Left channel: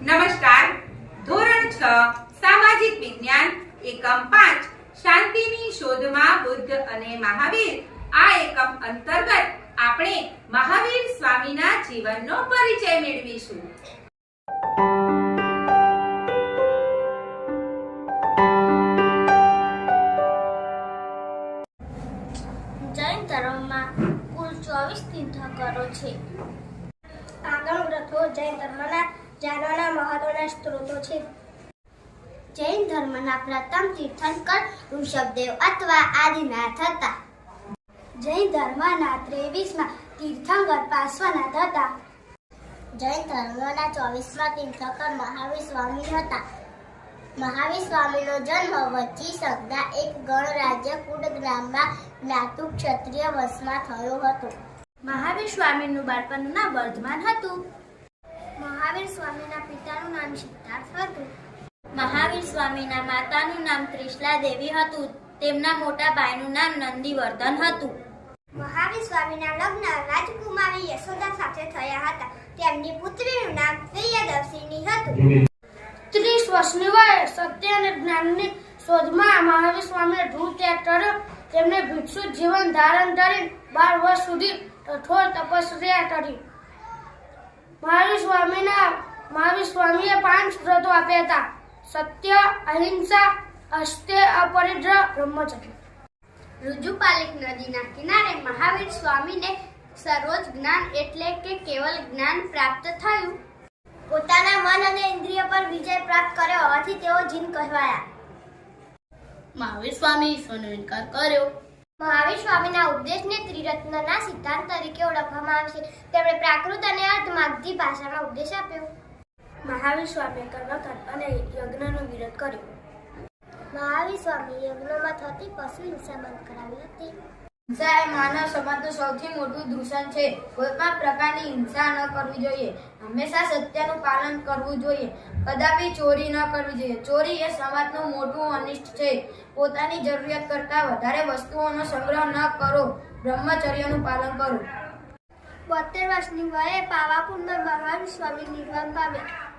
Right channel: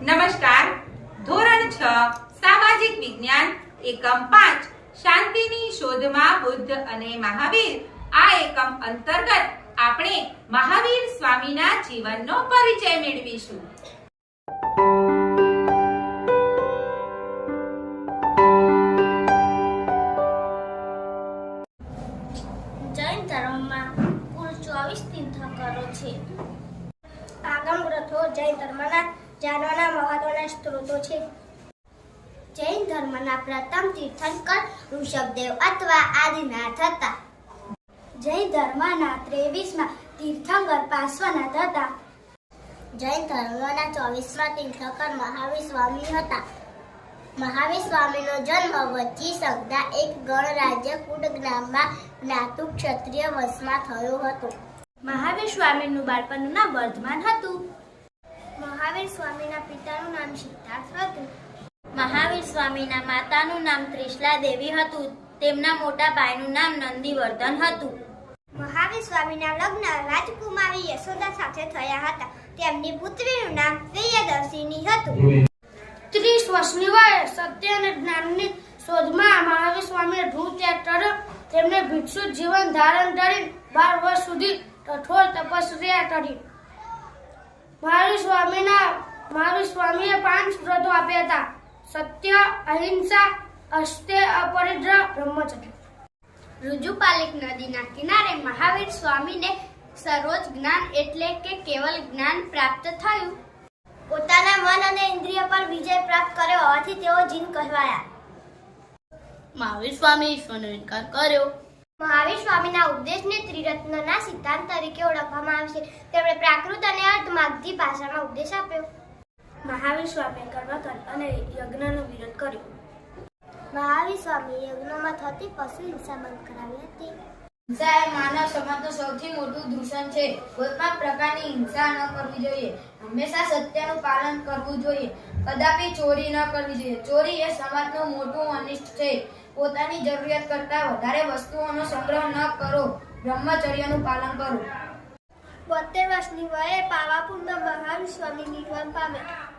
નમસ્કાર. ધોરણ 6 સામાજિક વિજ્ઞાન એકમ 5 શાંતિની શોધમાં બુદ્ધ અને મહાવીર. આ એકમ અંતર્ગત આપણે મહાવીર સ્વામીના જીવનનો પરિચય મેળવીશું. જૈન ધર્મમાં કુલ 24 તીર્થંકરો છે. આગમ ગ્રંથો જૈન ધર્મના જાણવાના મહત્વના સ્ત્રોતો છે. જૈન ધર્મના પ્રથમ તીર્થંકર ઋષભદેવ અથવા આદિનાથ હતા. જૈન ધર્મના 23માં તીર્થંકર પાર્શ્વનાથ હતા. જૈન ધર્મના 24માં તીર્થંકર મહાવીર સ્વામી હતા. મહાવીર સ્વામીનો જન્મ વચ્ચી સંજ્ઞા એક ગણરાજ્ય કુડ ગામમાં જ્ઞાતુ ક્ષત્રિય વંશમાં થયો હતો. મહાવીર સ્વામીનું બાળપણનું નામ વર્ધમાન હતું. મહાવીર સ્વામીના પિતાનું નામ સિદ્ધાર્થ હતું. મહાવીર સ્વામીના માતાનું નામ ત્રિશલા દેવી હતું. તેમના મોટા ભાઈનું નામ નંદીવર્ધન હતું. મહાવીર સ્વામીના લગ્ન રાજકુમારી યશોદા સાથે થયા હતા. તેમની પુત્રીનું નામ પ્રિયદર્શિની હતું. 30 વર્ષની વયે સત્ય અને જ્ઞાનની શોધમાં મહાવીર સ્વામીએ ધ્રુવ ત્યાગ કર્યો. તેમને ભિક્ષુ જીવન ધારણ કરી 12 વર્ષ સુધી કઠોર તપસ્યા કરી. મહાવીર સ્વામીએ 5 વ્રતો આપ્યા હતા: સત્ય, અહિંસા, અસ્તેય, અપરિગ્રહ, બ્રહ્મચર્ય. ઋજુપાલિક નદીના કિનારે મહાવીર સ્વામીને સર્વોચ્ચ જ્ઞાન એટલે કે કેવલ જ્ઞાન પ્રાપ્ત થયું. પોતાના મન અને ઇન્દ્રિય પર વિજય પ્રાપ્ત કર્યો હોવાથી તેઓ જીન કહેવાયા. મહાવીર સ્વામી ઈશ્વરનો ઇનકાર કર્યો. મહાવીર સ્વામીના ઉપદેશને ત્રિરત્નના સિદ્ધાંત તરીકે ઓળખવામાં આવે છે. તેમણે પ્રાકૃત અને અર્ધમાગધી ભાષામાં ઉપદેશ આપ્યો. મહાવીર સ્વામીએ કર્મકાંડ અને યજ્ઞનો વિરોધ કર્યો. મહાવીર સ્વામીએ યજ્ઞમાં થતી પશુ હિંસા બંધ કરાવી હતી. હિંસા એ માનવ સમાજનું સૌથી મોટું દૂષણ છે. કોઈ પણ પ્રકારની હિંસા ન કરવી જોઈએ. હંમેશા સત્યનું પાલન કરવું જોઈએ. કદાપી ચોરી ન કરવી જોઈએ. ચોરી એ સમાજનું મોટું અનિષ્ટ છે. પોતાની જરૂરિયાત કરતાં વધારે વસ્તુઓનો સંગ્રહ ન કરો. બ્રહ્મચર્યનું પાલન કરો. 72 વર્ષની વયે પાવાપુરમાં મહાવીર સ્વામી નિર્વાણ પામ્યા.